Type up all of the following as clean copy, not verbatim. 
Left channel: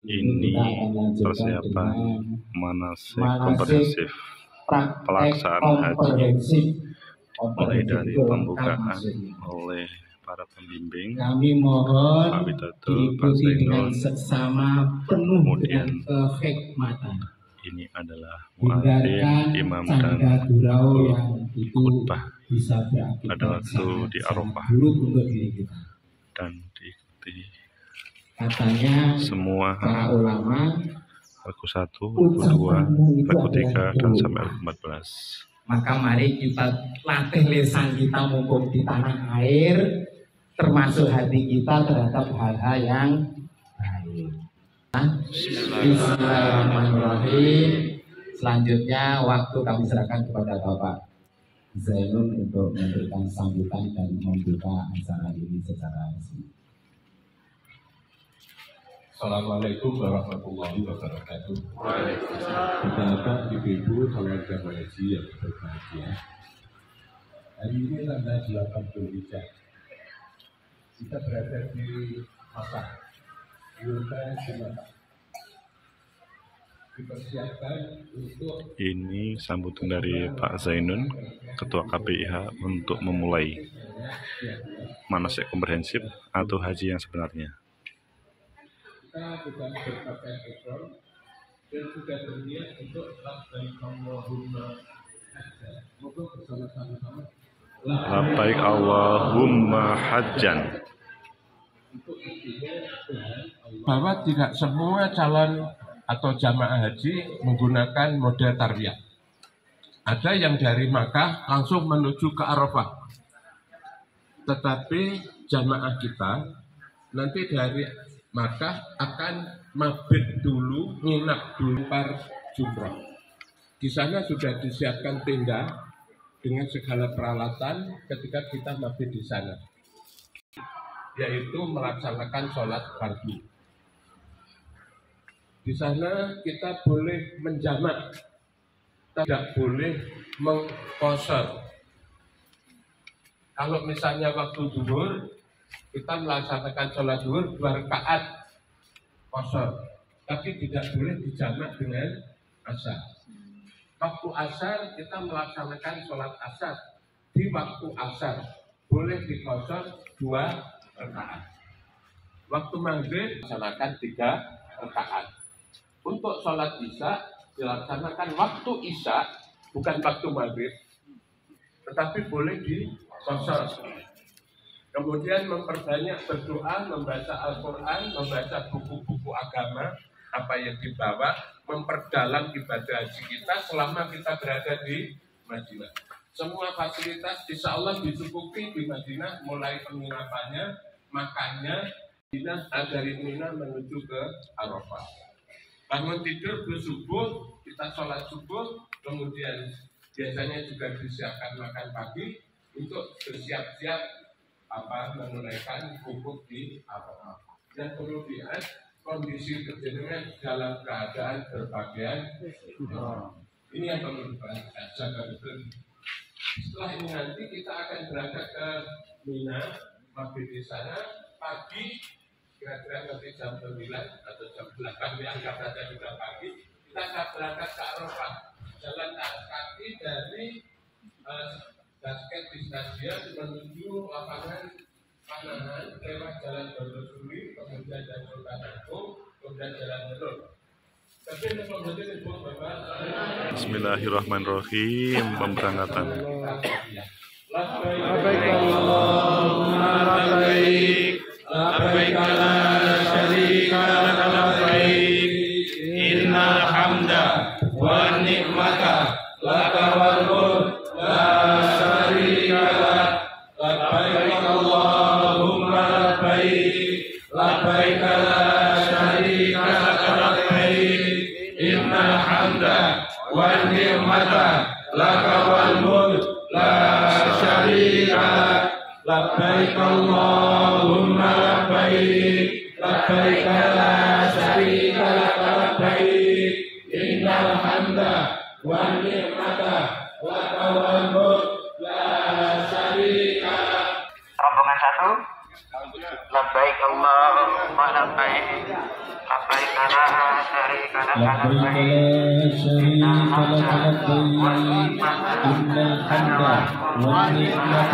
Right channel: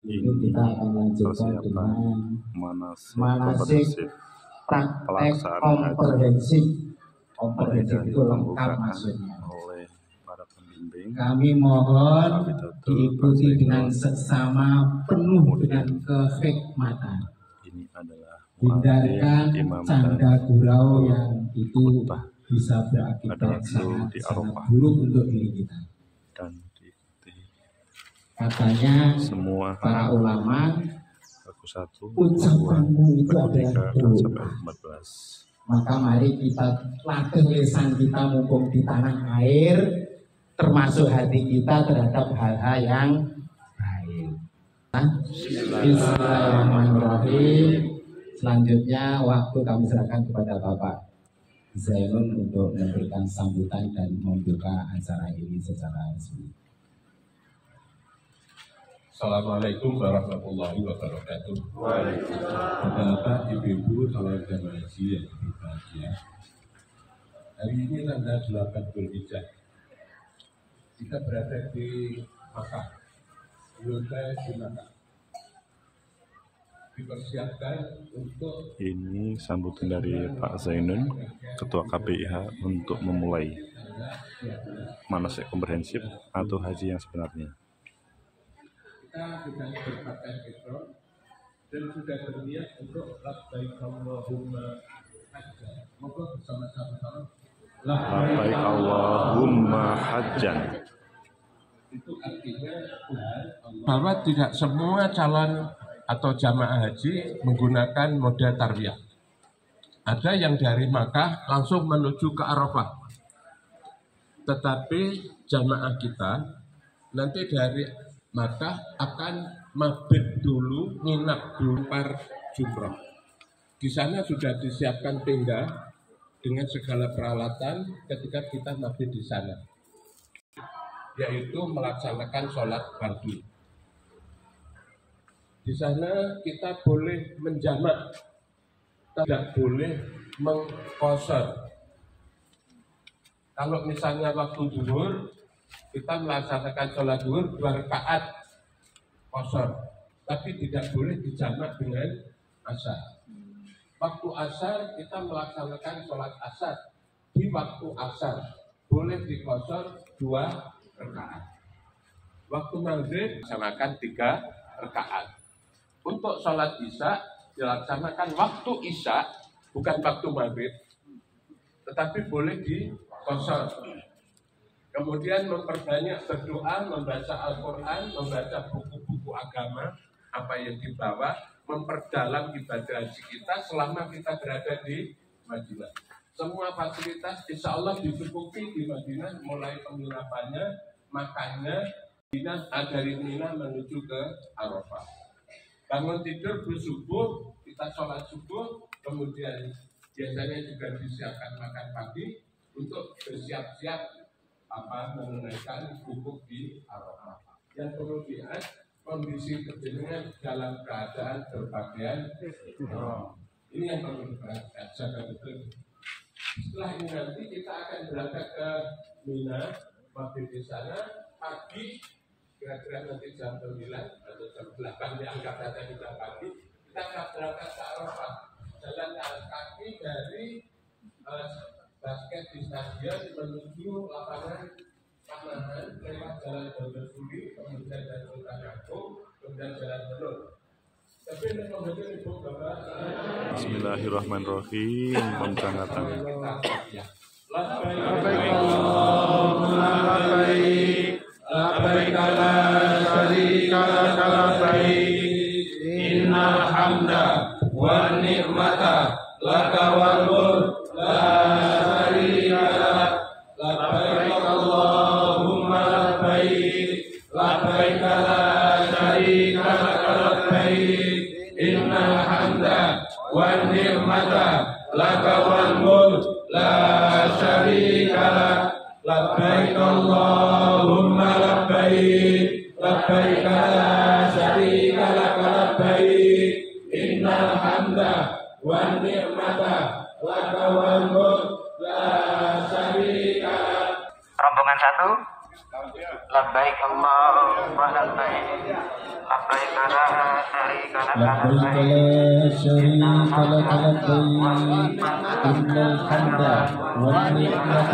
Ini persiapan manasik komprehensif pelaksanaan haji, mulai dari pembukaan oleh para pembimbing kami mohon Pak Widodo, Pak diikuti dengan Zainul, seksama penuh kemudian dengan kehikmatan. ini adalah muadzin, imam dan canda gurau yang itu khutbah bisa pada berakibat waktu di Arafah buruk untuk diri kita. dan diikuti Katanya semua para ulama, lagu 1, lagu 2, lagu 3 dan sampai lagu 14. maka mari kita latih lisan kita mumpung di tanah air, termasuk hati kita terhadap hal-hal yang baik. Bismillahirrahmanirrahim. Selanjutnya waktu kami serahkan kepada Bapak Zainul untuk memberikan sambutan dan membuka acara ini secara resmi. Assalamualaikum warahmatullahi wabarakatuh. Bapak, Ibu-ibu, saudara jamaah haji yang berbahagia. Hari ini tanggal 8 Dzulhijjah. Kita berada di Makkah, di Makkah. Dipersiapkan untuk Ini sambutan dari Pak Zainun, Ketua KPIH, untuk memulai manasik komprehensif atau haji yang sebenarnya. kita sedang berpakaian ihram dan sudah berniat untuk labbaik Allahumma hajjan. Moga bersama-sama Labbaik Allahumma hajjan. itu artinya Tuhan Allah. Bahwa tidak semua calon atau jamaah haji menggunakan model tarbiyah. Ada yang dari Makkah langsung menuju ke Arafah. Tetapi jamaah kita nanti dari Makkah akan mabit dulu, nginap dulu par jumrah. Di sana sudah disiapkan tenda dengan segala peralatan ketika kita mabit di sana, yaitu melaksanakan sholat fardu. Di sana kita boleh menjamak, tidak boleh mengqashar. Kalau misalnya waktu zuhur, kita melaksanakan sholat zuhur 2 rakaat qashar, tapi tidak boleh dijamak dengan asar. Waktu asar kita melaksanakan sholat asar di waktu asar, boleh diqashar 2 rakaat. Waktu maghrib dilaksanakan 3 rakaat. Untuk sholat isya dilaksanakan waktu isya, bukan waktu maghrib, tetapi boleh diqashar. Kemudian memperbanyak berdoa, membaca Al-Quran, membaca buku-buku agama, apa yang dibawa, memperdalam ibadah haji kita selama kita berada di Madinah. Semua fasilitas insya Allah dicukupi di Madinah, mulai penginapannya, makannya, dari Mina menuju ke Arafah. Bangun tidur bersubuh, kita sholat subuh, kemudian biasanya juga disiapkan makan pagi untuk bersiap-siap menunaikan hukuk di Arafah. Dan perlu diingat, kondisi kejenengan dalam keadaan berpakaian ini yang perlu dijaga betul. Setelah ini nanti kita akan berangkat ke Mina, mabit di sana pagi, kira-kira nanti jam 9 atau jam 8, dianggap saja juga pagi, kita akan berangkat ke Arafah, jalan kaki dari basket di stadion menuju lapangan Panahan, lewat jalan Berdosuri, kemudian jalan Sultan Agung, kemudian jalan Belur. Bismillahirrahmanirrahim. Pemberangkatan. Labbaik Allahumma labbaik, labbaik la syarika laka labbaik, innal hamda wan ni'mata laka wal mulk la syarika lak. Labbaik Allahumma labbaik, labbaik la syarika laka labbaik, innal hamda wan ni'mata laka wal mulk la syarika lak. Labbaik Allahumma labbaik, labbaik la syarika laka labbaik, innal hamda wan ni'mata laka wal mulk la syarika lak. Rombongan 1, labbaik Allahumma labbaik, لبيك لا شريك لك لبيك إن الحمد والنعمة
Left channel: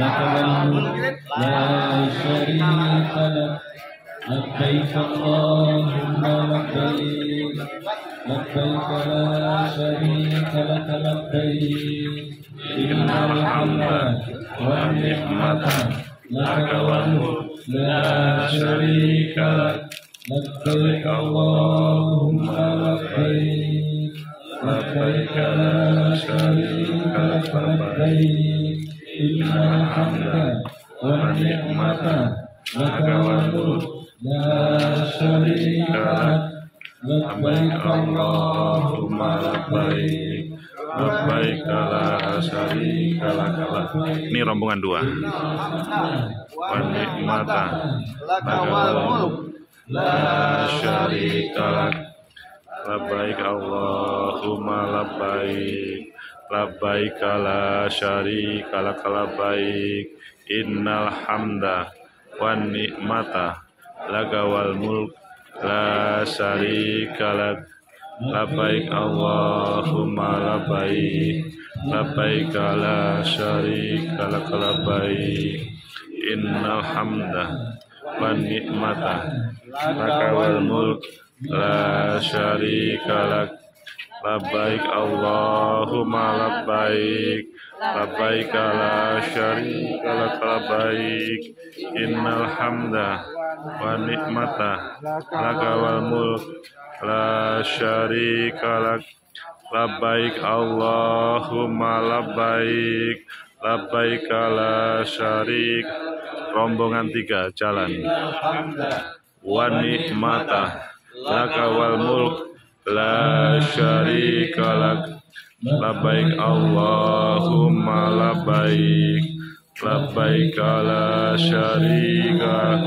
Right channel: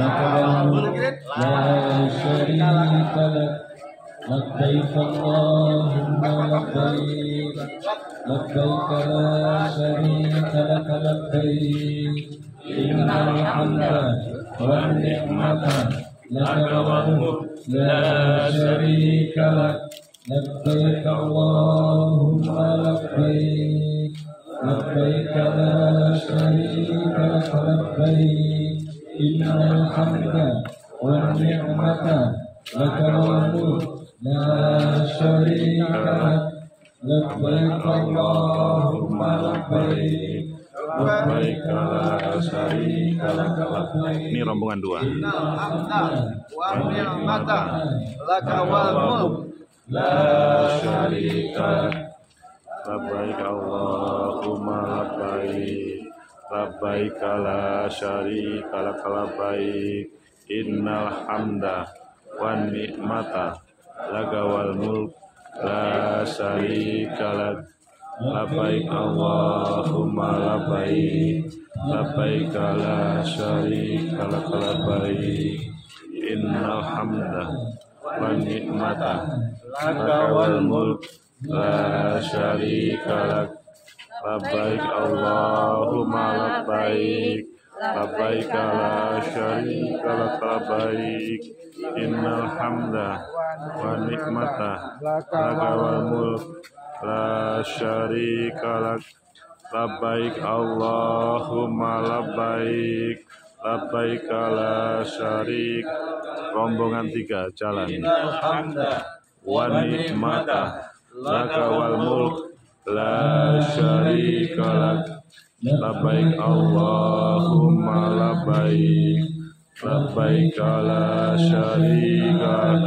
لك والملك لا شريك لك لبيك اللهم لبيك لبيك لا شريك لك لبيك إن الحمد والنعمة لك والملك لا شريك لك لبيك اللهم لبيك لبيك لا شريك لك لبيك إن الحمد والنعمة لك والملك لا شريك لك لبيك اللهم لبيك لبيك لا syarika lak. Ini rombongan 2. Wa ni'mata laka wal mulk la syarika lak. Labbaik Allahumma labbaik labbaik la syarika lak labbaik innal hamda wan ni'mata laka wal mulk la syarika lak. Labbaik Allahumma labbaik labbaik la syarika lak labbaik innal hamda wan ni'mata laka wal mulk la syarika lak. Labbaik Allahumma labbaik labbaik la syarika lak labbaik innal hamda wan ni'mata laka wal mulk la syarika lak. Labbaik Allahumma labbaik labbaik la syarik. Rombongan 3 jalan. Wa ni'mata laka wal mulk la syarika lak. Labbaik Allahumma labbaik labbaik la syarika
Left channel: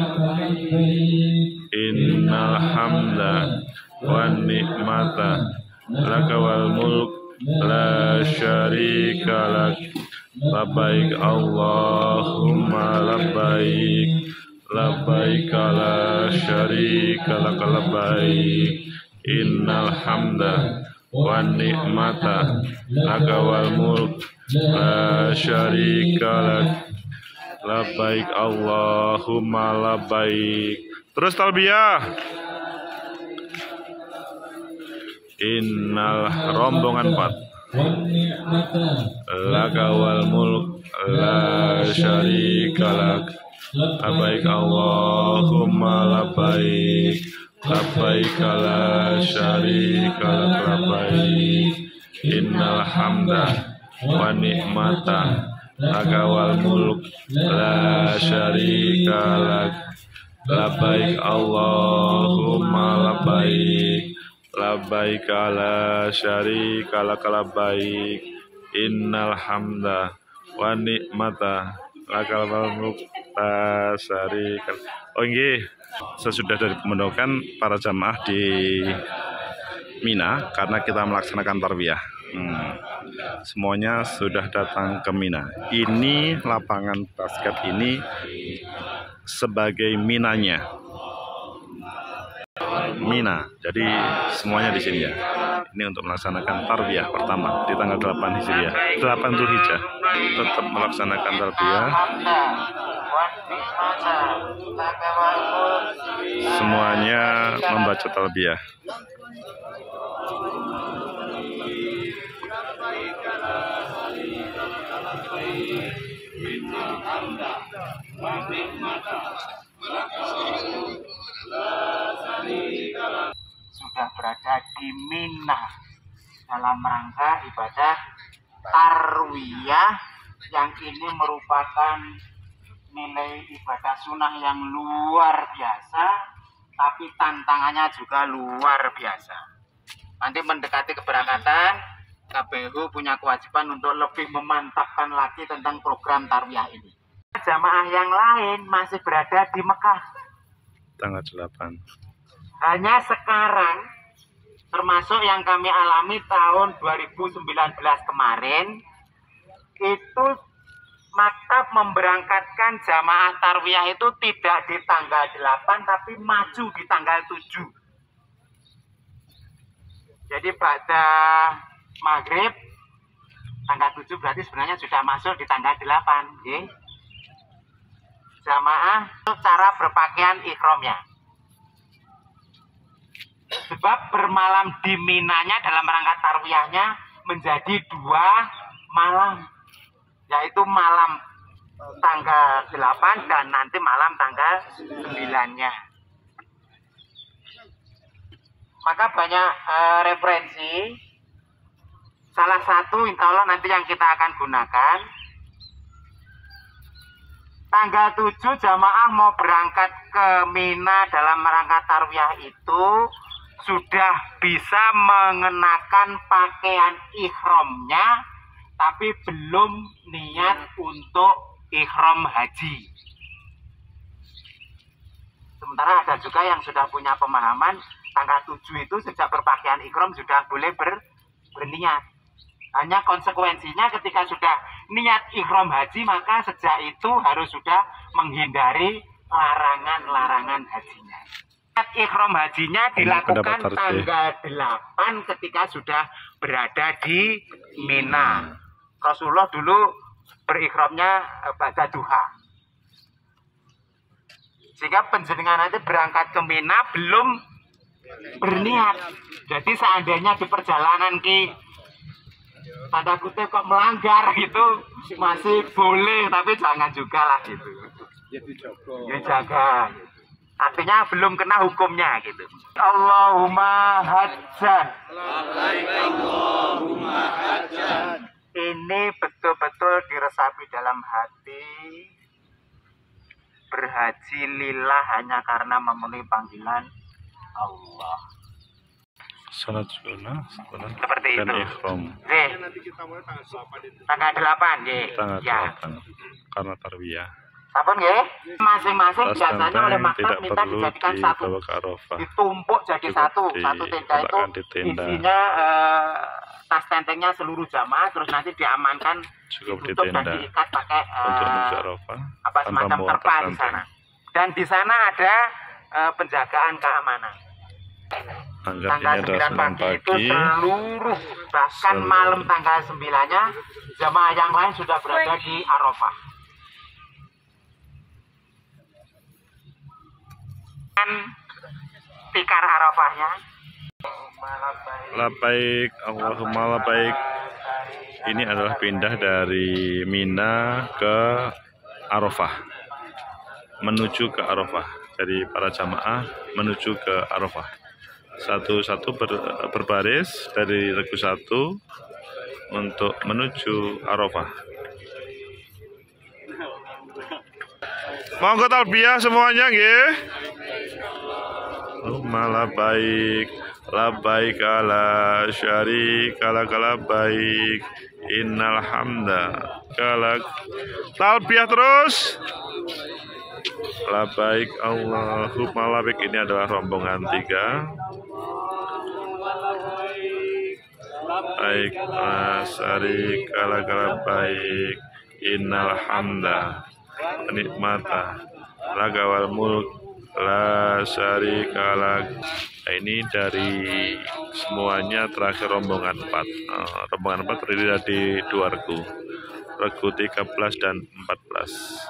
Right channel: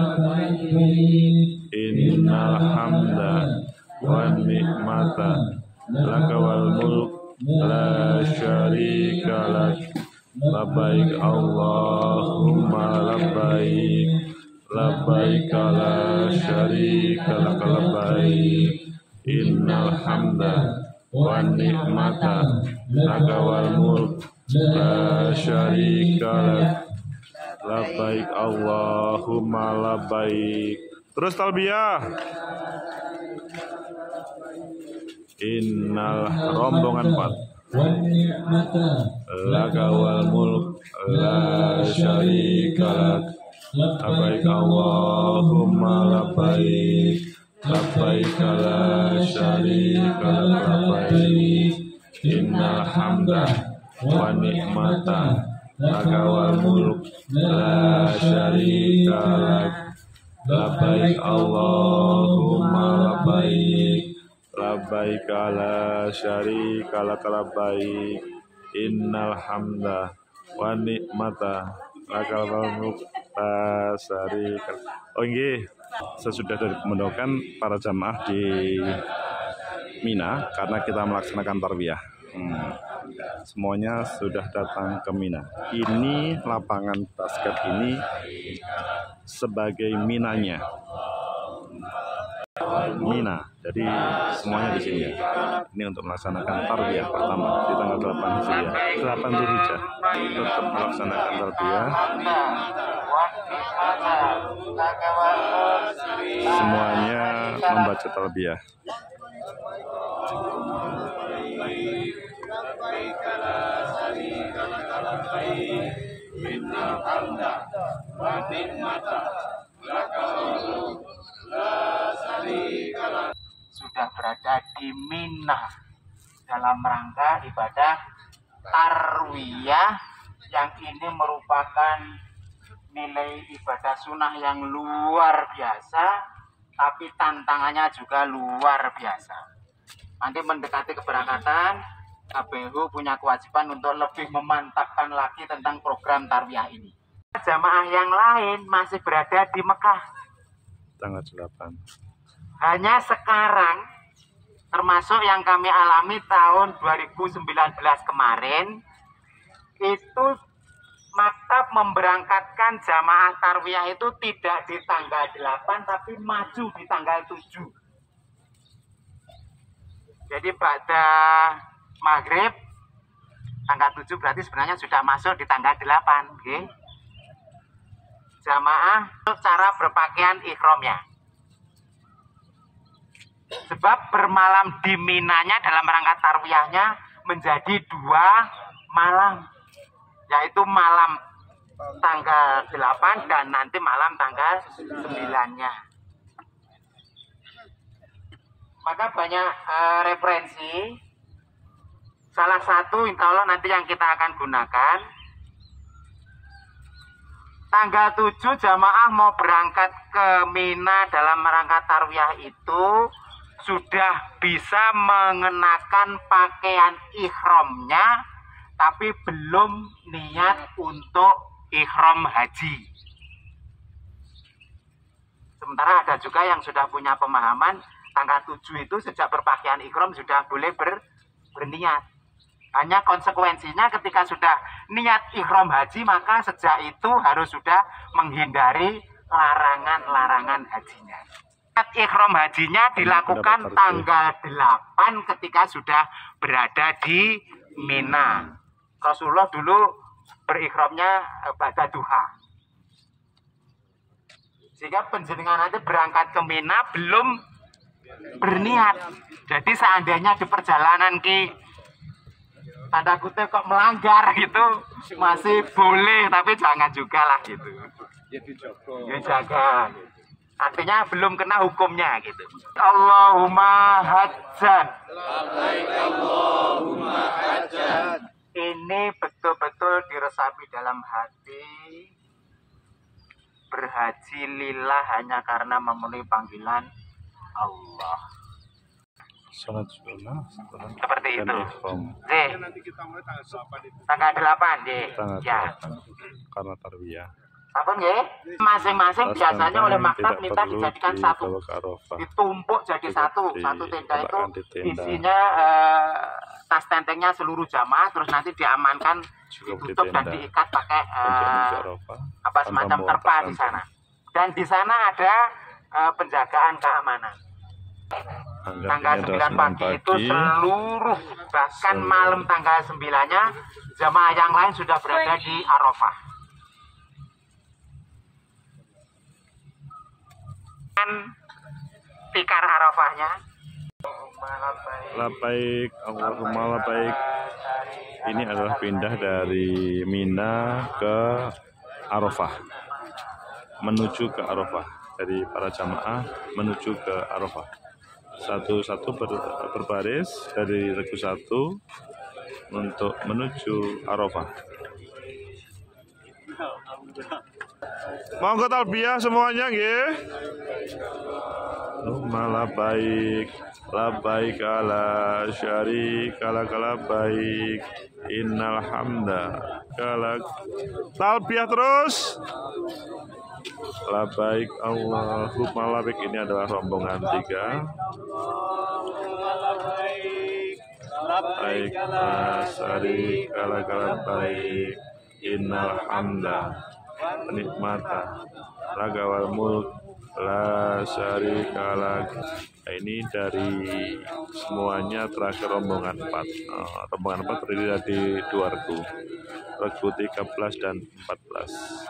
innal hamda wan ni'mata laka wal mulk la syarika lak. Labbaik Allahumma labbaik labbaik la syarika lak labbaik innal hamda wan ni'mata laka wal mulk la syarika lak. Labbaik Allahumma labbaik. Terus talbiyah. Innal rombongan 4 laka wal mulk la syarika lak. Labbaik Allahumma labbaik labbaik la syarika lak labbaik innal hamda wa ni'mata laka wal mulk la syarika lak. Labbaik Allahumma labbaik labbaik la syarika lak labbaik innal hamda wa ni'mata lakal mulk la syarika. Oh nggih, sesudah dari pemondokan para jamaah di Mina karena kita melaksanakan tarbiyah. Semuanya sudah datang ke Mina. Ini lapangan basket ini sebagai Minanya. Mina. Jadi semuanya di sini ya. Ini untuk melaksanakan tarbiyah pertama di tanggal 8 Hijriah. 8 Dzulhijjah. Tetap melaksanakan tarbiyah. Semuanya membaca tarbiyah. Sudah berada di Mina dalam rangka ibadah tarwiyah yang ini merupakan nilai ibadah sunnah yang luar biasa, tapi tantangannya juga luar biasa. Nanti mendekati keberangkatan, KBU punya kewajiban untuk lebih memantapkan lagi tentang program tarwiyah ini. Jamaah yang lain masih berada di Mekah. Tanggal 8. Hanya sekarang, termasuk yang kami alami tahun 2019 kemarin, itu maktab memberangkatkan jamaah tarwiyah itu tidak di tanggal 8 tapi maju di tanggal 7. Jadi pada maghrib tanggal 7 berarti sebenarnya sudah masuk di tanggal 8. Okay? Jamaah untuk cara berpakaian ikhramnya. Sebab bermalam di Minanya dalam rangka tarwiyahnya menjadi 2 malam. Yaitu malam tanggal 8 dan nanti malam tanggal 9-nya. Maka banyak referensi. Salah satu insya Allah nanti yang kita akan gunakan. Tanggal 7 jamaah mau berangkat ke Mina dalam rangka tarwiyah itu sudah bisa mengenakan pakaian ikhramnya, tapi belum niat untuk ikhram haji. Sementara ada juga yang sudah punya pemahaman tanggal 7 itu sejak berpakaian ikhram sudah boleh berniat. Hanya konsekuensinya ketika sudah niat ikhram haji maka sejak itu harus sudah menghindari larangan-larangan hajinya. Niat ikhram hajinya dilakukan tanggal 8 ketika sudah berada di Mina. Rasulullah dulu berikhramnya pada duha. Sehingga penjenengan nanti berangkat ke Mina belum berniat. Jadi seandainya di perjalanan tanda kutip kok melanggar gitu masih boleh, tapi jangan juga lah gitu. Dijaga. Artinya belum kena hukumnya gitu. Allahumma hajjan. Allahumma hajjan. Ini betul-betul diresapi dalam hati. Berhaji lillah hanya karena memenuhi panggilan Allah. Salat sunnah Seperti dan itu. ikhram. Tanggal 8 nggih. Tanggal Ya. 8 karena tarwiyah. Sampun nggih? Masing-masing Tas biasanya oleh tenteng maktab tidak minta perlu dijadikan satu. dibawa ke Arafah. Ditumpuk jadi Cukup satu tenda itu diletakkan di tenda. isinya tas tentengnya seluruh jamaah, terus nanti diamankan, Cukup di ditutup dan tenda diikat pakai untuk menuju Arafah apa tanpa semacam membawa tas terpal di tenteng. sana. Dan di sana ada penjagaan keamanan. Anggap Tanggal ini adalah 9 senam pagi itu pagi. seluruh, bahkan malam tanggal 9-nya jamaah yang lain sudah berada di Arafah. Dan tikar Arafahnya. Labaik, Allahumma labaik. Ini adalah pindah dari Mina ke Arafah, menuju ke Arafah. Dari para jamaah menuju ke Arafah. Satu-satu berbaris dari regu 1 untuk menuju Arafah. Monggo talbiyah semuanya nggih. Allahumma labaik. Labbaik la syarika lak labbaik innal hamda lak. Talbiyah terus. Labbaik Allahumma labbaik. Ini adalah rombongan 3. Labbaik la syarika lak labbaik innal hamda nikmata laka wal mulk la syarika lak. Nah, ini dari semuanya terakhir rombongan 4. Rombongan 4 terdiri dari 2 regu. Regu 13 dan 14.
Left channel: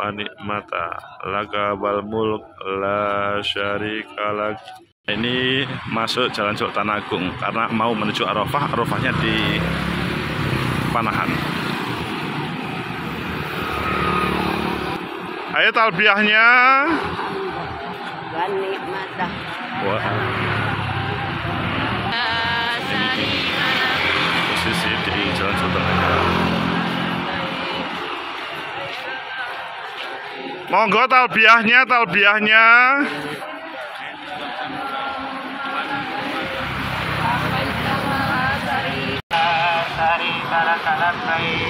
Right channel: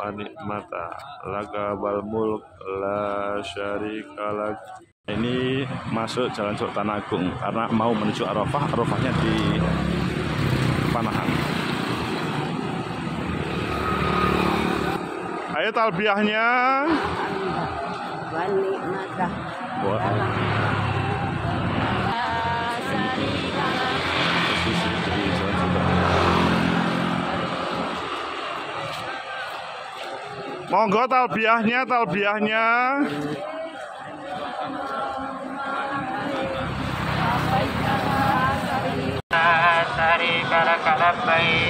Wa nikmata laka wal mulk la syarika lak. Ini masuk Jalan Sultan Agung karena mau menuju Arafah. Arafahnya di Panahan. Ayo talbiyahnya. Wah. Ini posisi di Jalan Sultan Agung. Monggo talbiyahnya.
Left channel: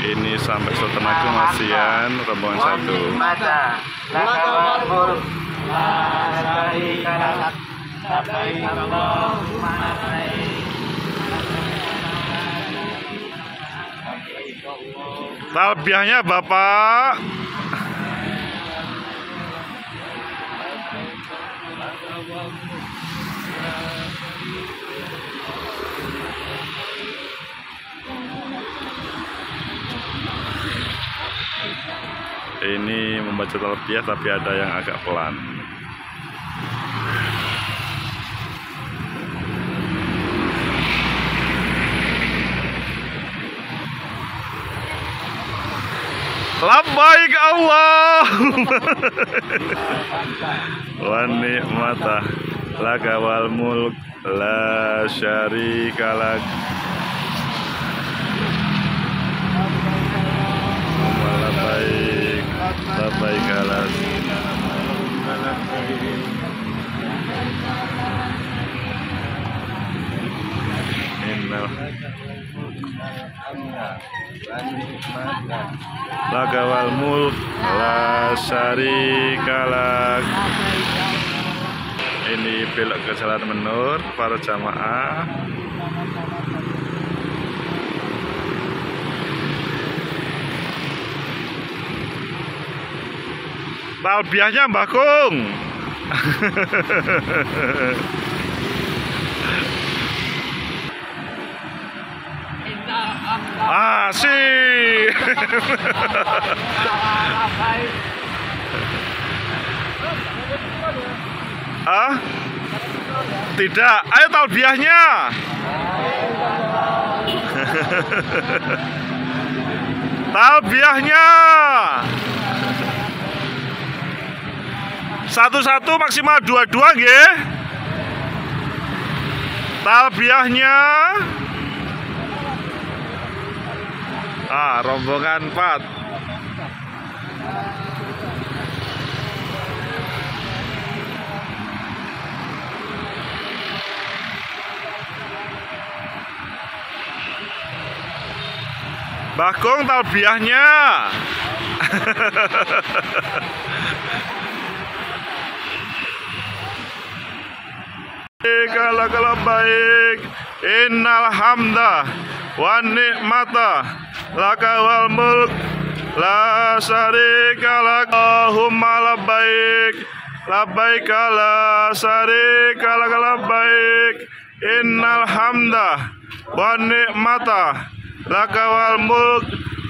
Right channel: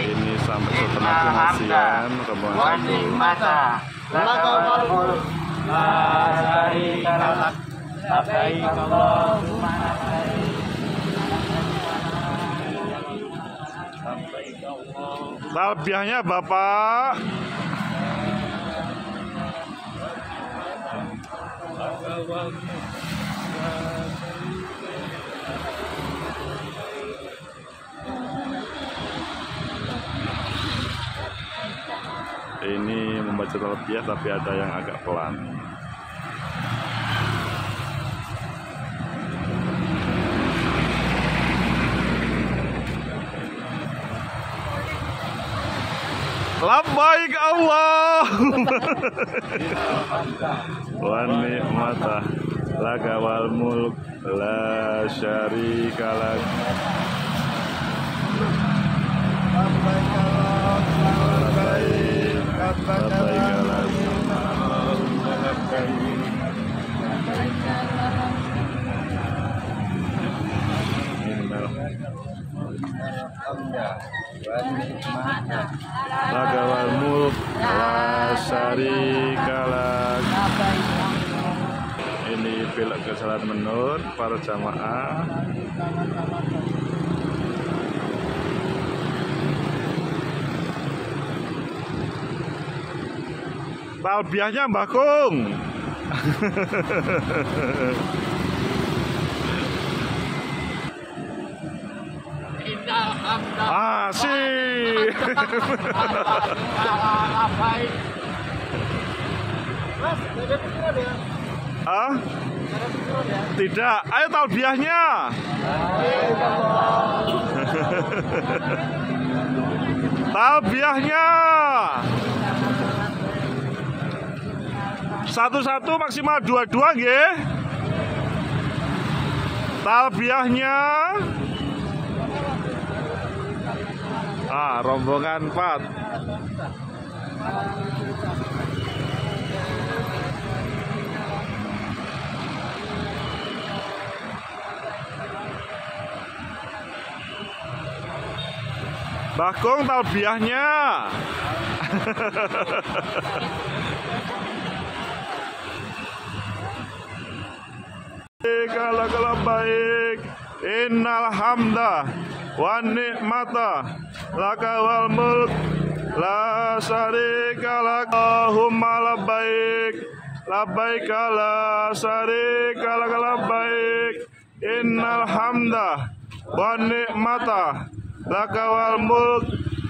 Ini sampai Sultan Agung Asian rombongan 1. Talbiyahnya Bapak. Ini membaca talbiyah tapi ada yang agak pelan. Labbaik Allah wa ni'matah laka wal mulk la syarika lak labbaik labbaik alas innal laka wal mulk la syarika lak. Ini belok ke Jalan Menur para jamaah. Talbiyahnya Mbah Kung. Asik. Ah? Tidak. Ayo talbiyahnya. Talbiyahnya. Satu-satu maksimal dua-dua nggih. Talbiyahnya. Rombongan 4. Bagong talbiyahnya. Kalau baik, innal hamda wa ni'mata laka wal mulk la syarika lak. Allahumma labbaik labbaik la syarika lak labbaik innal hamda wa ni'mata laka wal mulk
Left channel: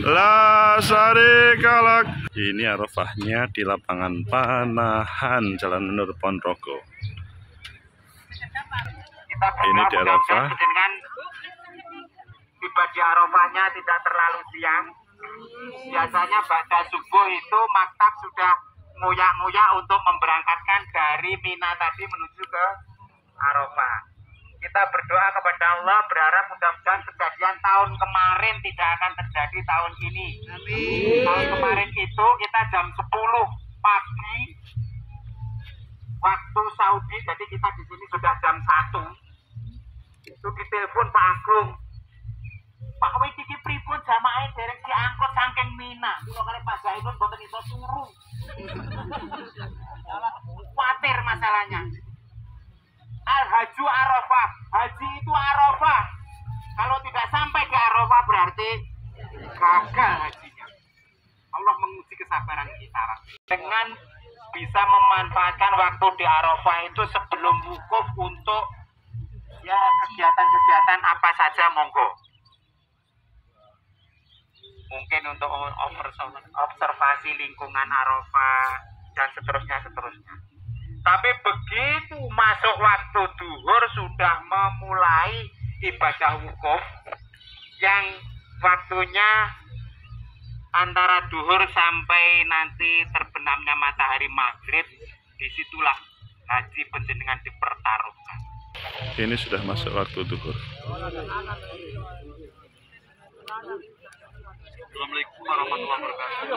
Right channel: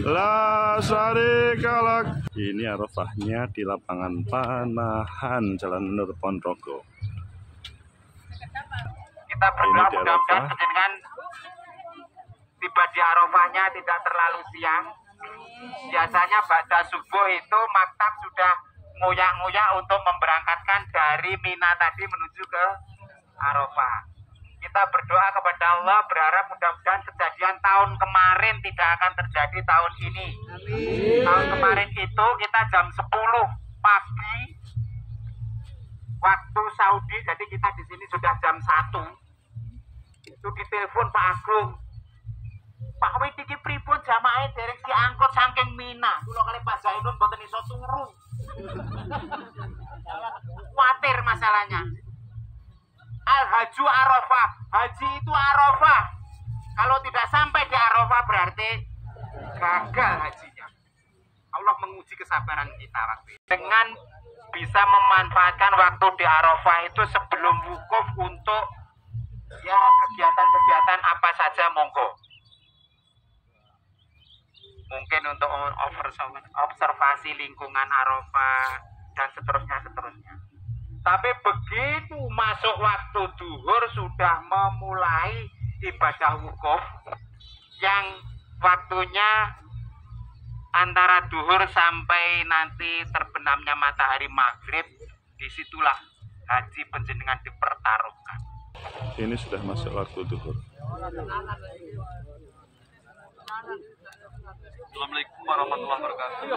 la syarika lak. Ini Arafahnya di lapangan Panahan Jalan Menur Ponorogo. Kita Ini di Arafah. Dengan tiba di Arafahnya tidak terlalu siang. Biasanya pada subuh itu maktab sudah nguyak-nguyak untuk memberangkatkan dari Mina tadi menuju ke Arafah. Kita berdoa kepada Allah, berharap mudah-mudahan kejadian tahun kemarin tidak akan terjadi tahun ini. Amin. Tahun kemarin itu kita jam 10 pagi waktu Saudi, jadi kita di sini sudah jam 1. Itu ditelepon Pak Agung. Pak Wid iki pripun jamaah dereng diangkut saking Mina. Kula kali Pak Zainun mboten iso turu. Kuatir masalahnya. Al-Haju Arafah, haji itu Arafah. Kalau tidak sampai di Arafah berarti gagal hajinya. Allah menguji kesabaran kita dengan bisa memanfaatkan waktu di Arafah itu sebelum wukuf untuk ya kegiatan-kegiatan apa saja monggo. Mungkin untuk observasi lingkungan Arafah dan seterusnya. Tapi begitu masuk waktu duhur sudah memulai ibadah wukuf yang waktunya antara duhur sampai nanti terbenamnya matahari maghrib, disitulah haji panjenengan dipertaruhkan. Ini sudah masuk waktu duhur. Assalamualaikum warahmatullahi wabarakatuh.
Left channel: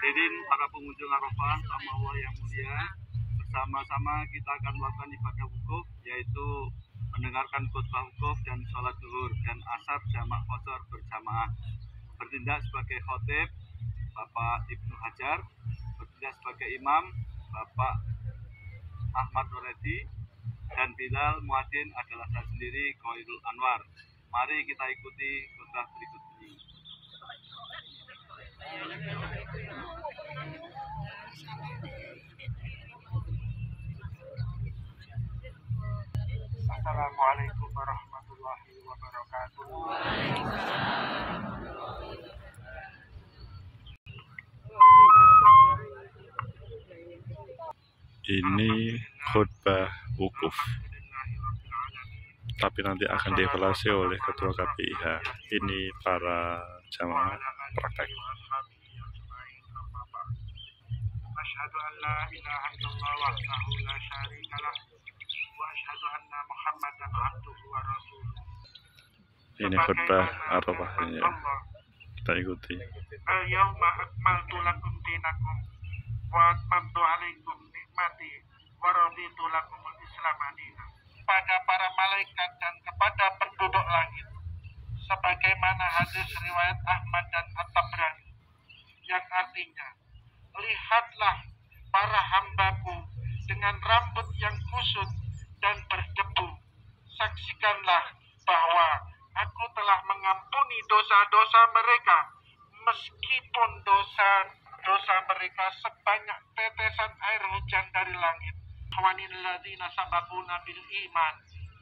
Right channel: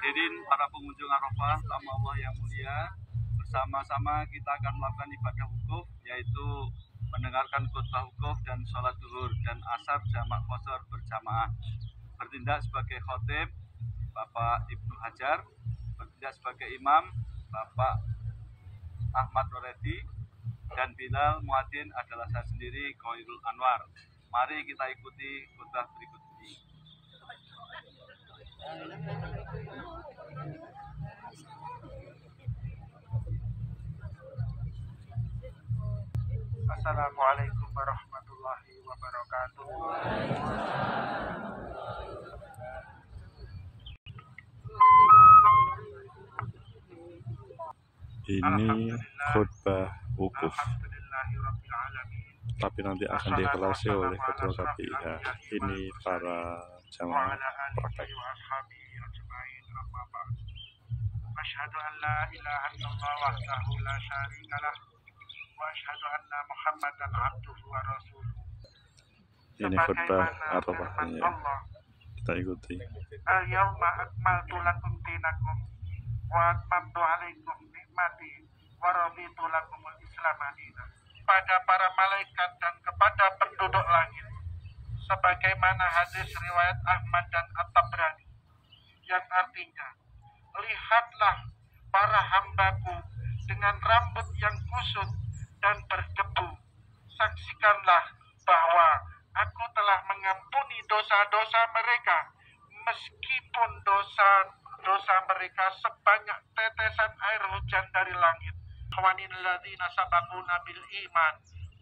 Hadirin para pengunjung Arafah, sama Allah yang mulia, bersama-sama kita akan melakukan ibadah wukuf, yaitu mendengarkan khutbah wukuf dan sholat zuhur dan asar jamak qashar berjamaah. Bertindak sebagai khotib Bapak Ibnu Hajar, bertindak sebagai imam Bapak Ahmad Noredi, dan Bilal Muadzin adalah saya sendiri, Khairul Anwar. Mari kita ikuti khutbah berikut ini. Assalamualaikum warahmatullahi wabarakatuh. Ini khutbah wukuf, tapi nanti akan dievaluasi oleh Ketua KPIH. Ini para jamaah praktek. Asyhadu an la ilaha illallah wahdahu la syarika lah wa asyhadu anna Muhammadan abduhu wa rasuluh. Ini khutbah Arafahnya, kita ikuti. Al-yawma akmaltu lakum dinakum wa atmamtu alaikum nikmati wa raditu lakumul Islam madina. Pada para malaikat dan kepada penduduk langit, sebagaimana hadis riwayat Ahmad dan At-Tabrani yang artinya, lihatlah para hambaku dengan rambut yang kusut dan berdebu. Saksikanlah bahwa aku telah mengampuni dosa-dosa mereka, meskipun dosa mereka sebanyak tetesan air hujan dari langit. Hawanil ladzina sabaquna bil iman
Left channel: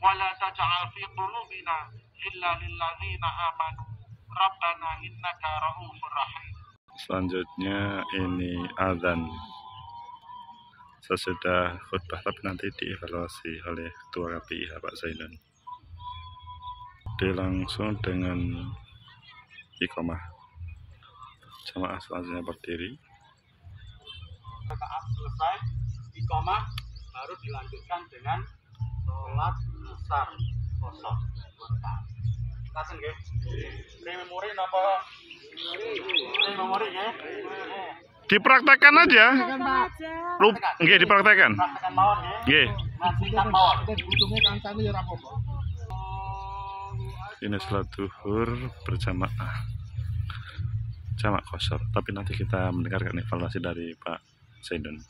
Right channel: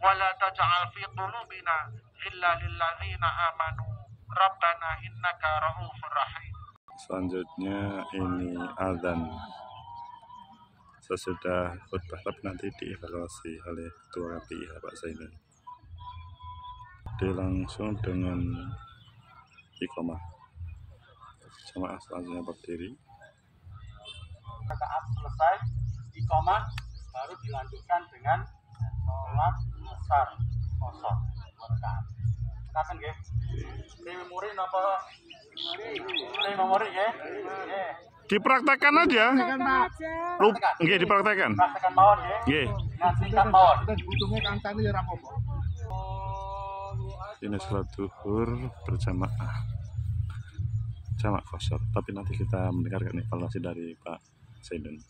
wa la taj'al fi qulubina illa lil ladzina amanu rabbana innaka ra'ufur rahim. Selanjutnya ini azan. Sesudah khutbah tapi nanti dievaluasi oleh Ketua KPIH Pak Zainun. Langsung dengan iqamah. Jamaah selanjutnya berdiri. Rakaat selesai, iqamah baru dilanjutkan dengan sholat asar kosong 2 rakaat. Kasen nggih? Memori napa? Memori nggih? Dipraktekkan aja. Nggih, dipraktekkan. Praktekan mawon nggih. Nggih. Nasikan mawon. Ini sholat zuhur berjamaah. Jamak kosor, tapi nanti kita mendengarkan evaluasi dari Pak Zainun.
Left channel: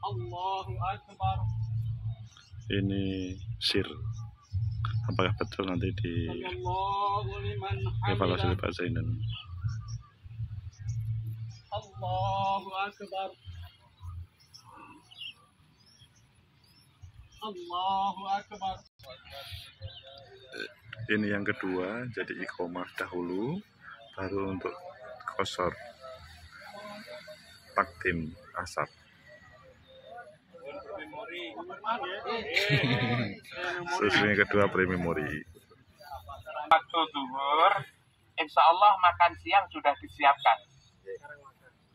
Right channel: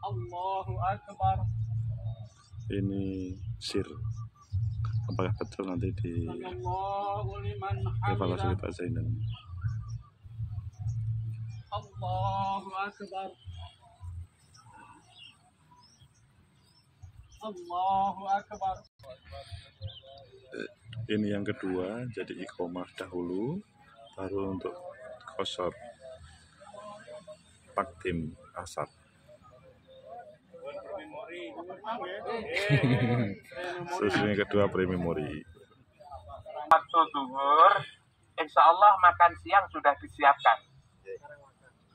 Allahu Akbar. Ini sir. Apakah betul nanti di Allahu liman evaluasi hamidah. dari Pak Zainun? Allahu Akbar. Allahu Akbar. Ini yang kedua, jadi iqomah dahulu, baru untuk kosor takdim asar. Terus yang kedua pre-memori. Waktu zuhur, insya Allah makan siang sudah disiapkan.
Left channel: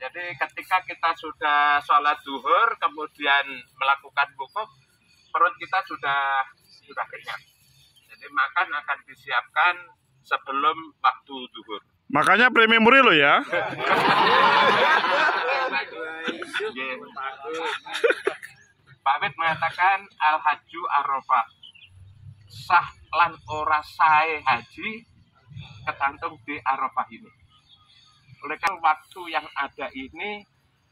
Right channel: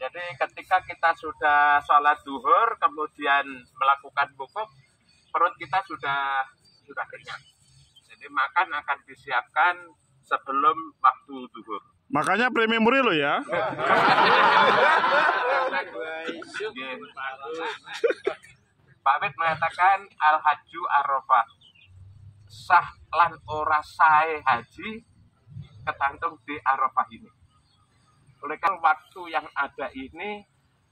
Jadi ketika kita sudah sholat zuhur, kemudian melakukan wukuf, perut kita sudah kenyang. Jadi makan akan disiapkan sebelum waktu zuhur. Makanya pre-memori lo ya. Pak Wid mengatakan al-haju arafah, sah lan ora sae haji ketantung di Arafah ini. Oleh karena waktu yang ada ini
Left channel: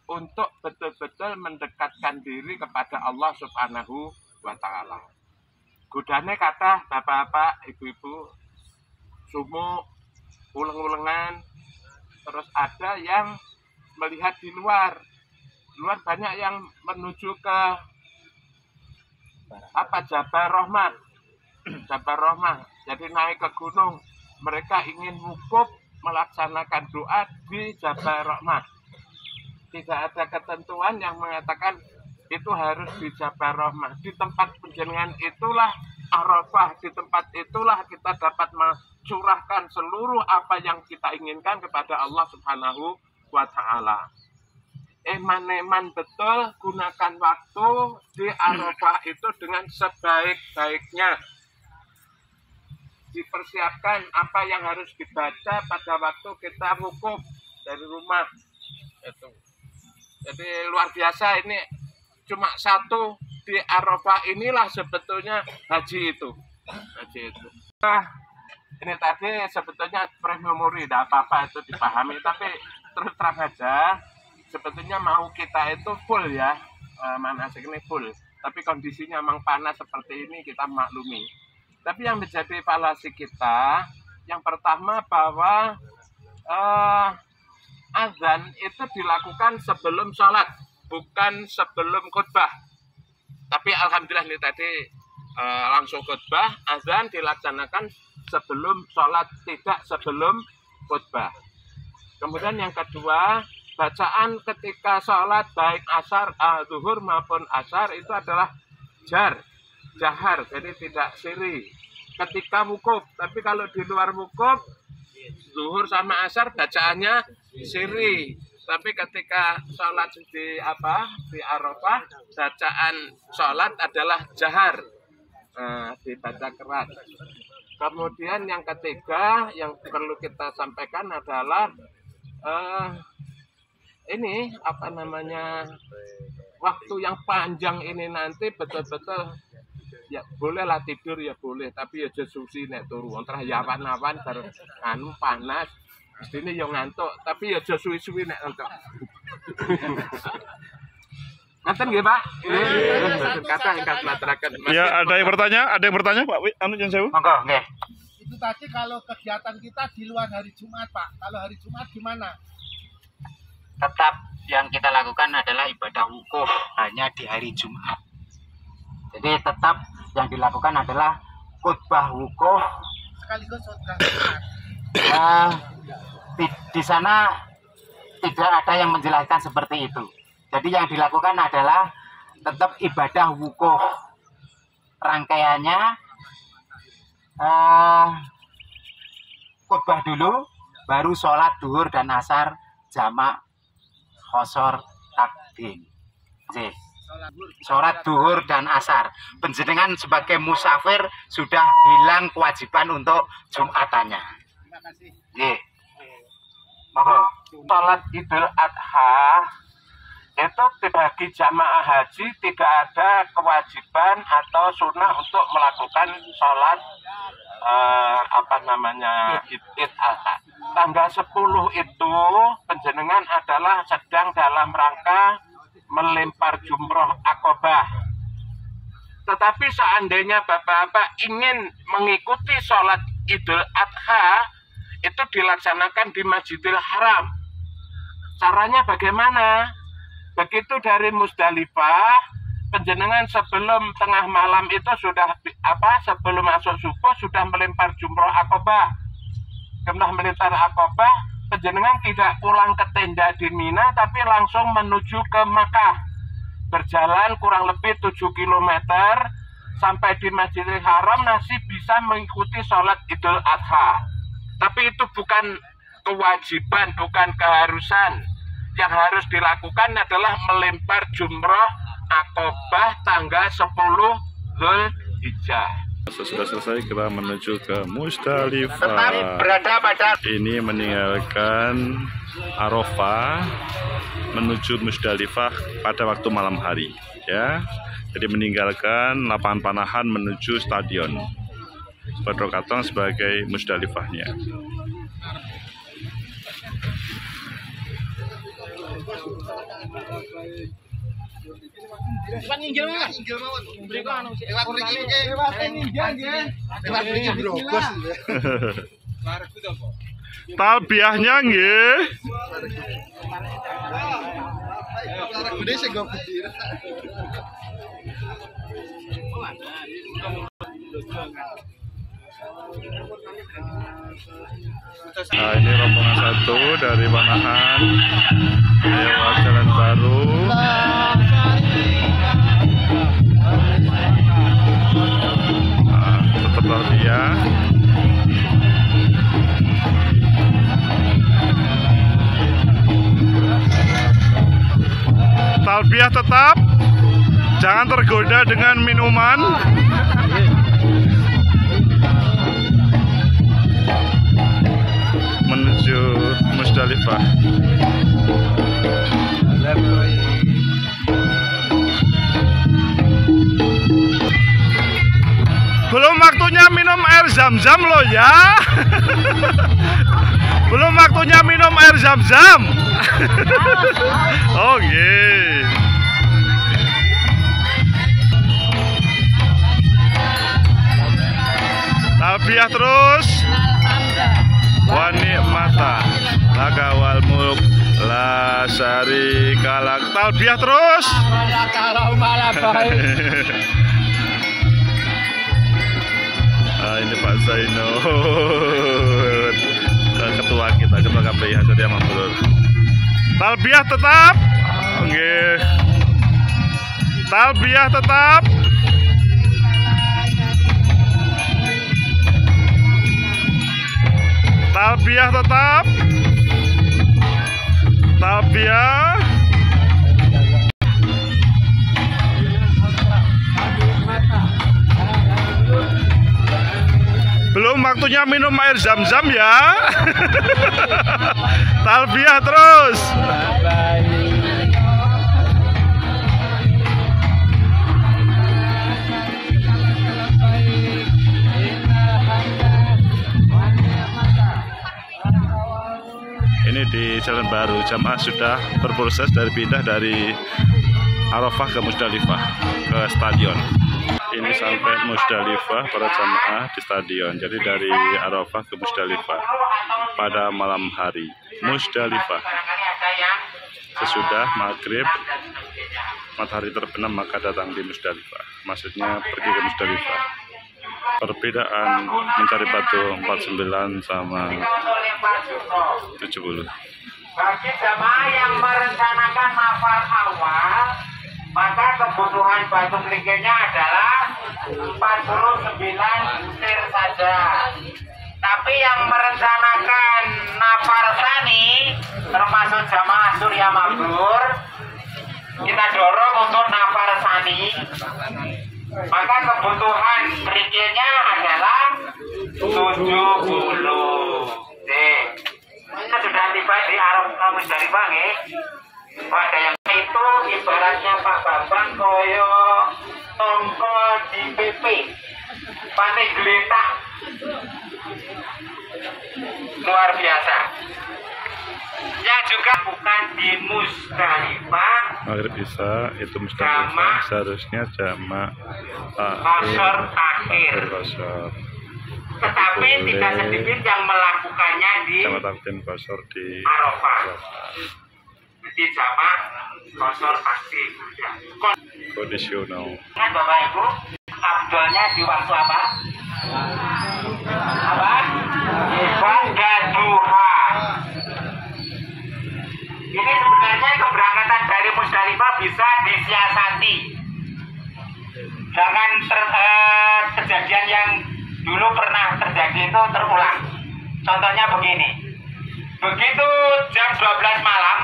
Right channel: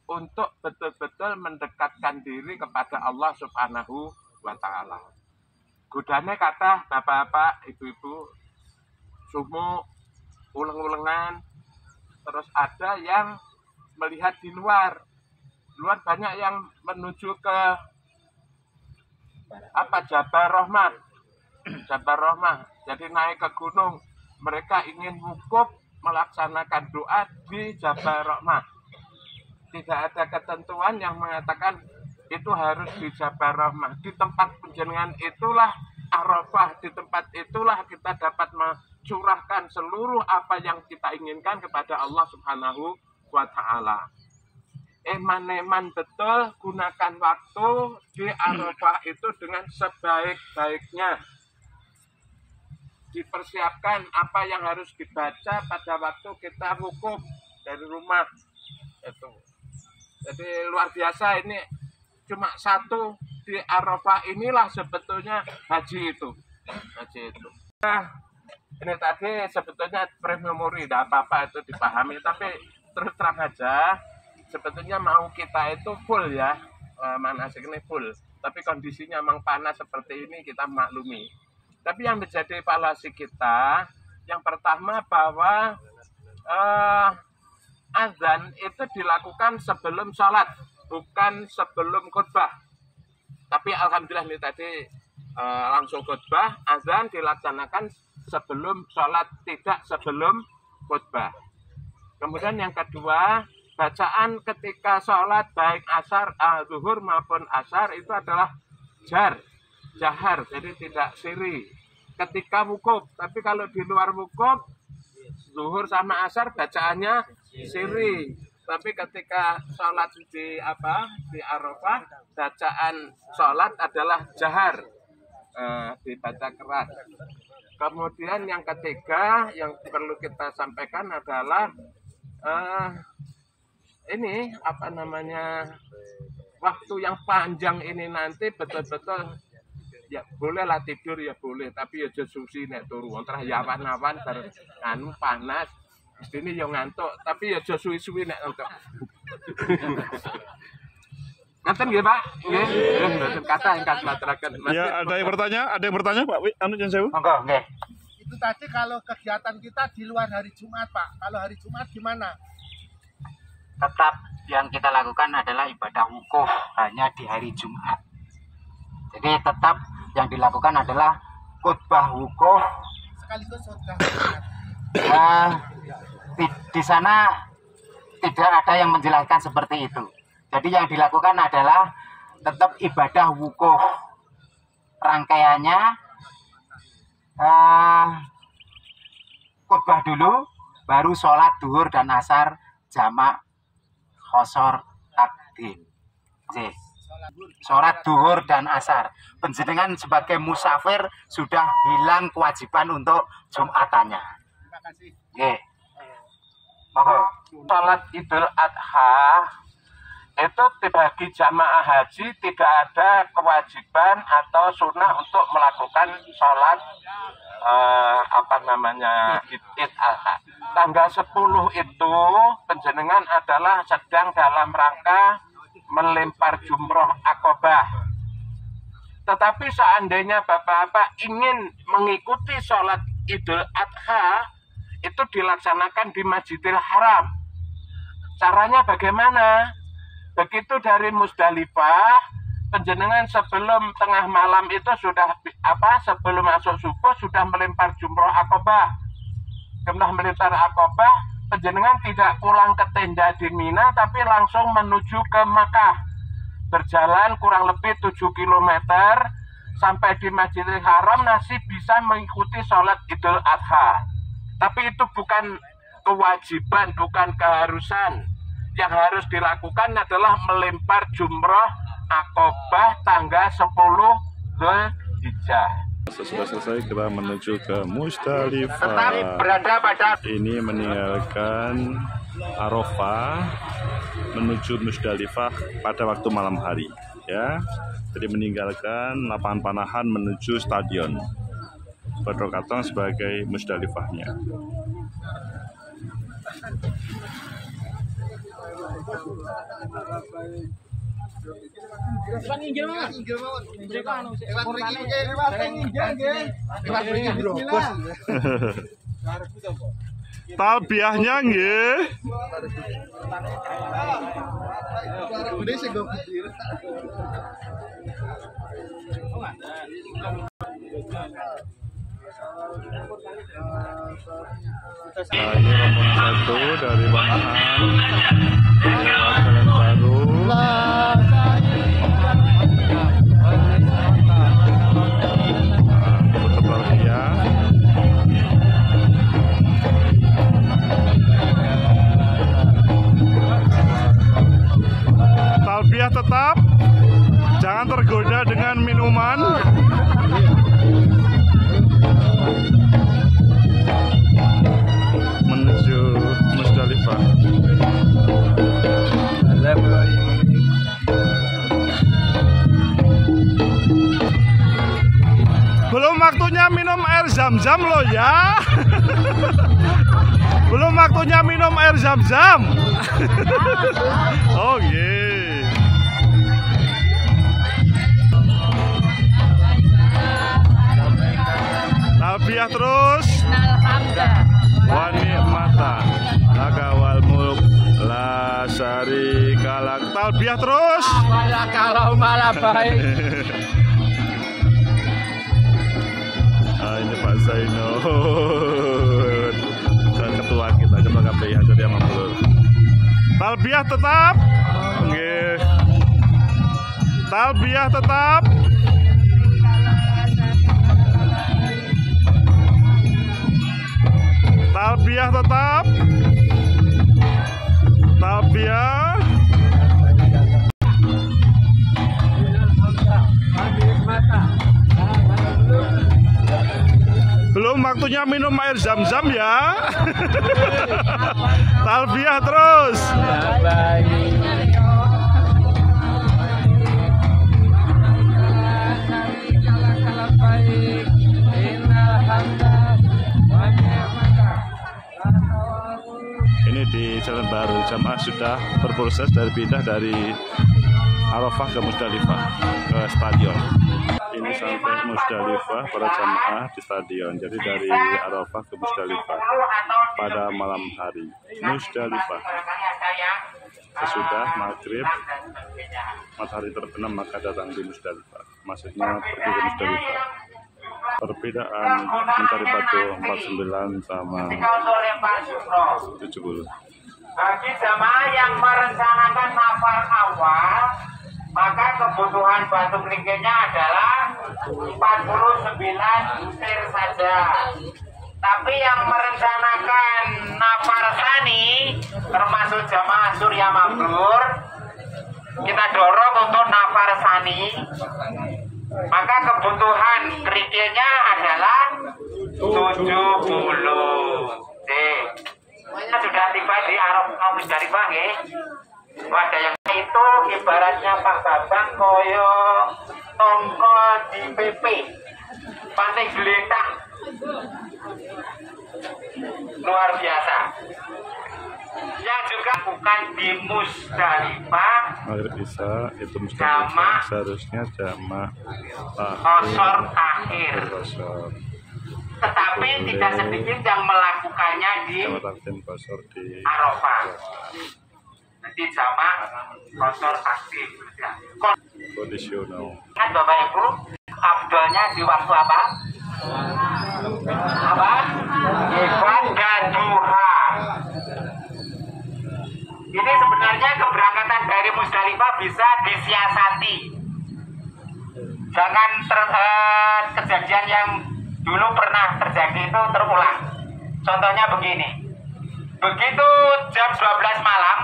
untuk betul-betul mendekatkan diri kepada Allah Subhanahu wa Ta'ala. Godane kata bapak-bapak, ibu-ibu, sumuk, uleng-ulengan, terus ada yang melihat di luar. Luar banyak yang menuju ke Jabal Rahmah. Jabal Rahmah. Jadi naik ke gunung. Mereka ingin wukuf melaksanakan doa di Jabal Rahmah. Tidak ada ketentuan yang mengatakan itu harus di Jabal Rahmah. Di tempat penjenengan itulah Arafah. Di tempat itulah kita dapat mencurahkan seluruh apa yang kita inginkan kepada Allah Subhanahu wa Ta'ala. Eman-eman betul, gunakan waktu di Arafah itu dengan sebaik-baiknya. Dipersiapkan apa yang harus dibaca pada waktu kita wukuf dari rumah. Itu. Jadi luar biasa, ini cuma satu di Arafah inilah sebetulnya haji itu. Haji itu. Nah, ini tadi sebetulnya pre-memori, tidak apa-apa itu dipahami, tapi terus terang aja, sebetulnya mau kita itu full ya, manasik ini full. Tapi kondisinya memang panas seperti ini, kita maklumi. Tapi yang menjadi evaluasi kita, yang pertama bahwa azan itu dilakukan sebelum sholat, bukan sebelum khutbah. Tapi alhamdulillah ini tadi langsung khutbah, azan dilaksanakan sebelum sholat, tidak sebelum khutbah. Kemudian yang kedua, bacaan ketika sholat baik asar, zuhur maupun asar itu adalah jahar, jadi tidak siri. Ketika wukuf, tapi kalau di luar wukuf, zuhur sama asar bacaannya siri. Tapi ketika sholat di Arafah, bacaan sholat adalah jahar, dibaca keras. Kemudian yang ketiga yang perlu kita sampaikan adalah ini waktu yang panjang ini nanti betul-betul ya bolehlah tidur ya boleh, tapi ya susi nek turu antara awan-awan panas. Mestine yo ngantuk, tapi ya aja suwi-suwi nek ngantuk. Ngaten nggih, Pak? Nggih, kata ingkang maturaken. Ya, ada yang bertanya, Pak. Anu jan sewu. Monggo, nggih. Itu tadi kalau kegiatan kita di luar hari Jumat, Pak. Kalau hari Jumat gimana? Tetap yang kita lakukan adalah ibadah wukuf hanya di hari Jumat. Jadi tetap yang dilakukan adalah khutbah wukuf. Sekaligus khutbah. Di sana tidak ada yang menjelaskan seperti itu. Jadi yang dilakukan adalah tetap ibadah wukuf. Rangkaiannya khutbah dulu, baru sholat duhur dan asar jamak khosor takdim. Sholat duhur dan asar. Penjenengan sebagai musafir sudah hilang kewajiban untuk Jumatannya. Terima kasih. Nggih. Sholat Idul Adha itu bagi jamaah haji tidak ada kewajiban atau sunnah untuk melakukan sholat Idul Adha. Tanggal 10 itu penjenengan adalah sedang dalam rangka melempar jumroh akobah. Tetapi seandainya bapak-bapak ingin mengikuti sholat Idul Adha, itu dilaksanakan di Masjidil Haram. Caranya bagaimana? Begitu dari Musdalifah, penjenengan sebelum tengah malam itu sudah sebelum masuk subuh sudah melempar jumroh akobah. Setelah melempar akobah, penjenengan tidak pulang ke tenda di Mina, tapi langsung menuju ke Makkah. Berjalan kurang lebih 7 km sampai di Masjidil Haram, masih bisa mengikuti sholat Idul Adha. Tapi itu bukan kewajiban, bukan keharusan. Yang harus dilakukan adalah melempar jumroh akobah tanggal 10 Dzulhijjah. Sudah selesai, kita menuju ke Musdalifah. Ini meninggalkan Arafah menuju Musdalifah pada waktu malam hari, ya. Jadi meninggalkan lapangan panahan menuju stadion. Badrokatong sebagai Musdalifahnya. Talbiahnya nggih. Nah, ini rombongan satu dari Panahan lewat Jalan Baru. Nah, tetap talbiah. Talbiah tetap, jangan tergoda dengan minuman. Menuju Musdalifah. Belum waktunya minum air zam-zam loh ya. Belum waktunya minum air zam-zam. Oke. Talbiyah terus. Wani mata laka wal mulk la syarika lak. Talbiyah terus. Kalau malah baik. Ini Pak Zaino, ketua kita, ketua KPI Hasadia Mambrur. Talbiyah tetap. Oke. Talbiyah tetap. Talbiyah tetap. Talbiyah. Belum waktunya minum air zam-zam ya. Talbiyah terus. Ini di Jalan Baru, jamaah sudah berproses dari pindah dari Arafah ke Musdalifah ke stadion. Ini sampai Musdalifah para jamaah di stadion. Jadi dari Arafah ke Musdalifah pada malam hari. Musdalifah. Sesudah maghrib matahari terbenam maka datang di Musdalifah. Maksudnya pergi ke Musdalifah. Perbedaan mencari batu 49 sama 70. Bagi jamaah yang merencanakan nafar awal, maka kebutuhan batu kerikilnya adalah 49 butir saja. Tapi yang merencanakan nafar sani, termasuk jamaah Surya Mambrur, kita dorong untuk nafar sani. Maka kebutuhan kerikilnya adalah 70. Ini sudah tiba di Arafah Musdalifah nggih. Ada yang itu ibaratnya Pak Babang koyo tongko di PP. Panik geletak. Luar biasa. Yang juga bukan di Musdalifah. Maghrib Isya itu Musdalifah seharusnya jamak kosor akhir. Tetapi tidak sedikit yang melakukannya di takdim kosor di Arafah. Jadi jamak kosor aktif. kondisional. Kan Bapak Ibu, abdolnya di waktu apa? Apa? Ibadah duha. Ini sebenarnya keberangkatan dari Musdalifah bisa disiasati. Jangan kejadian yang dulu pernah terjadi itu terulang. Contohnya begini. Begitu jam 12 malam,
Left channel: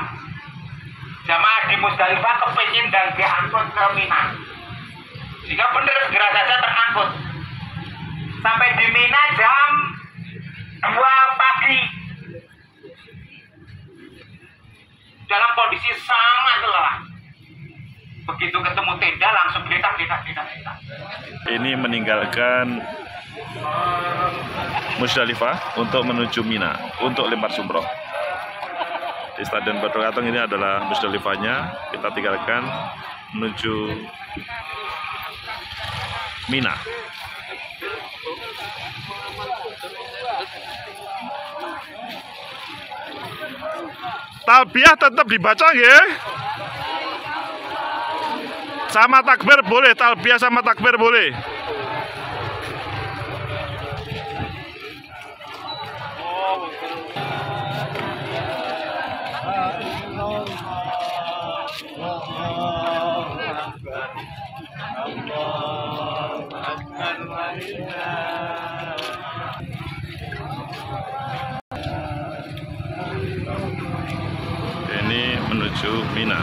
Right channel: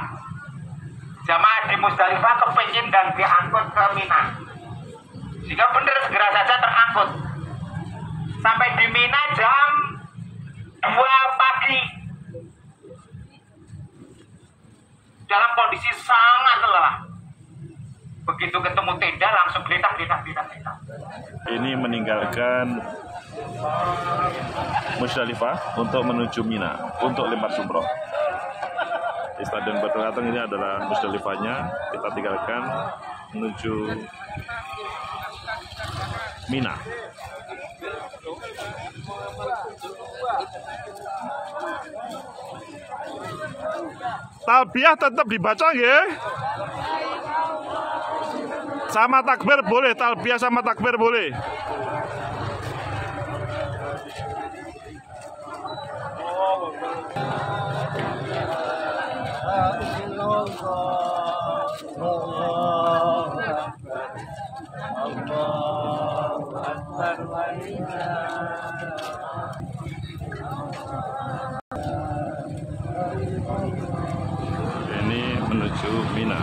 jamaah di Musdalifah kepingin dan diangkut ke Mina. Jika benar segera saja terangkut. Sampai di Mina jam 2 pagi. Dalam kondisi sangat lelah. Begitu ketemu tenda langsung geletak. Ini meninggalkan Musdalifah untuk menuju Mina untuk lempar jumroh. Di Stadion Badrul Katong ini adalah Musdalifahnya. Kita tinggalkan menuju Mina. Talbiyah tetap dibaca ya. Sama takbir boleh, talbiyah sama takbir boleh. Ini menuju Mina.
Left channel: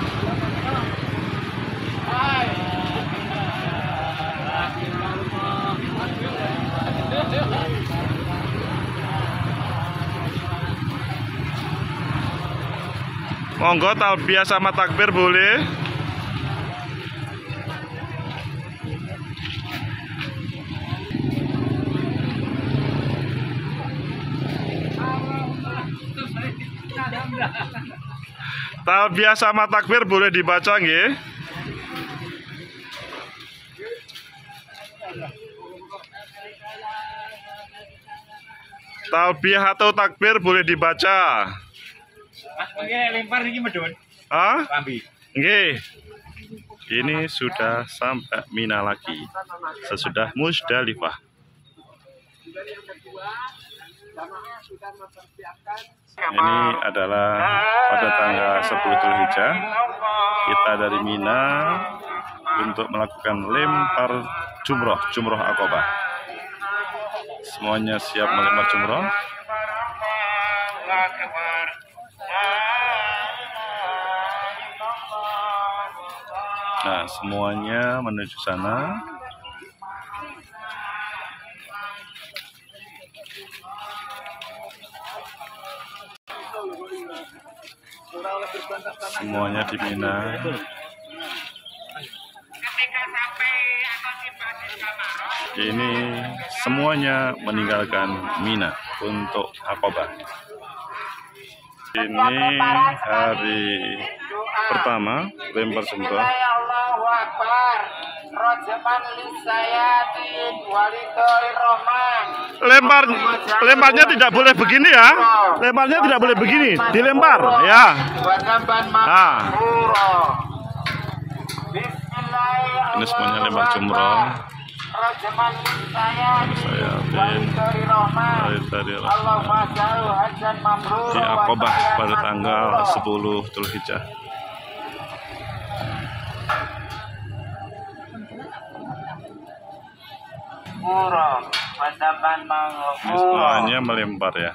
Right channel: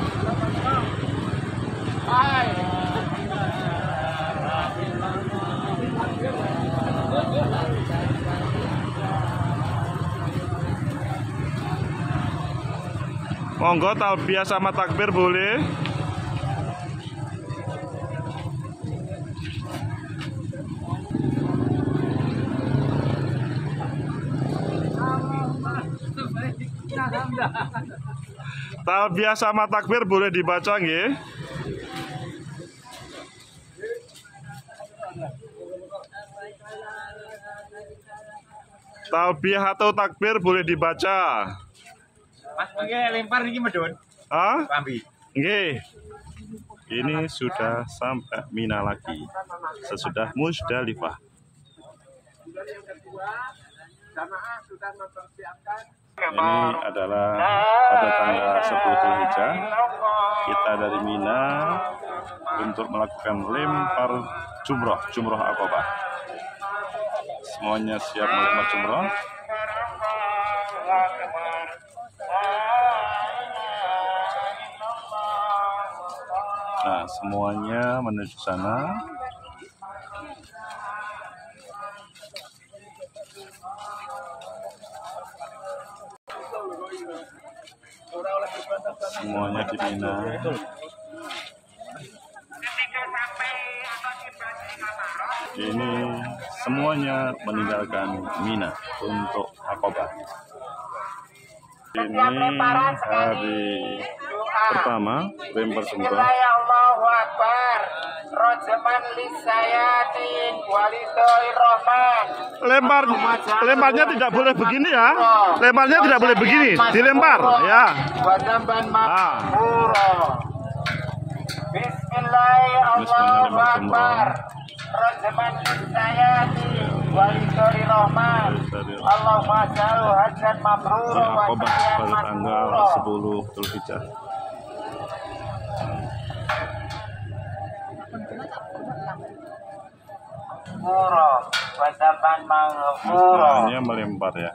Monggo talbiyah sama takbir boleh. Talbiyah sama takbir boleh dibaca nggih? Talbiyah atau takbir boleh dibaca. Mas nggih lempar iki medun. Ah? Rambi. Nggih. Ini sudah sampai Mina lagi. Sesudah Musdalifah. Ini adalah pada tanggal 10 Dzulhijjah. Kita dari Mina untuk melakukan lempar jumroh Aqabah. Semuanya siap melempar jumroh. Nah, semuanya menuju sana. Semuanya di Mina. Ini semuanya meninggalkan Mina untuk Aqabah. Ini hari pertama lempar jumroh. Lemparnya tidak boleh begini ya. Lemparnya tidak boleh begini, dilempar ya. Nah. Ini semuanya lempar jumroh. Saya dari di Aqabah pada tanggal 10 Dzulhijjah. Semuanya melempar ya.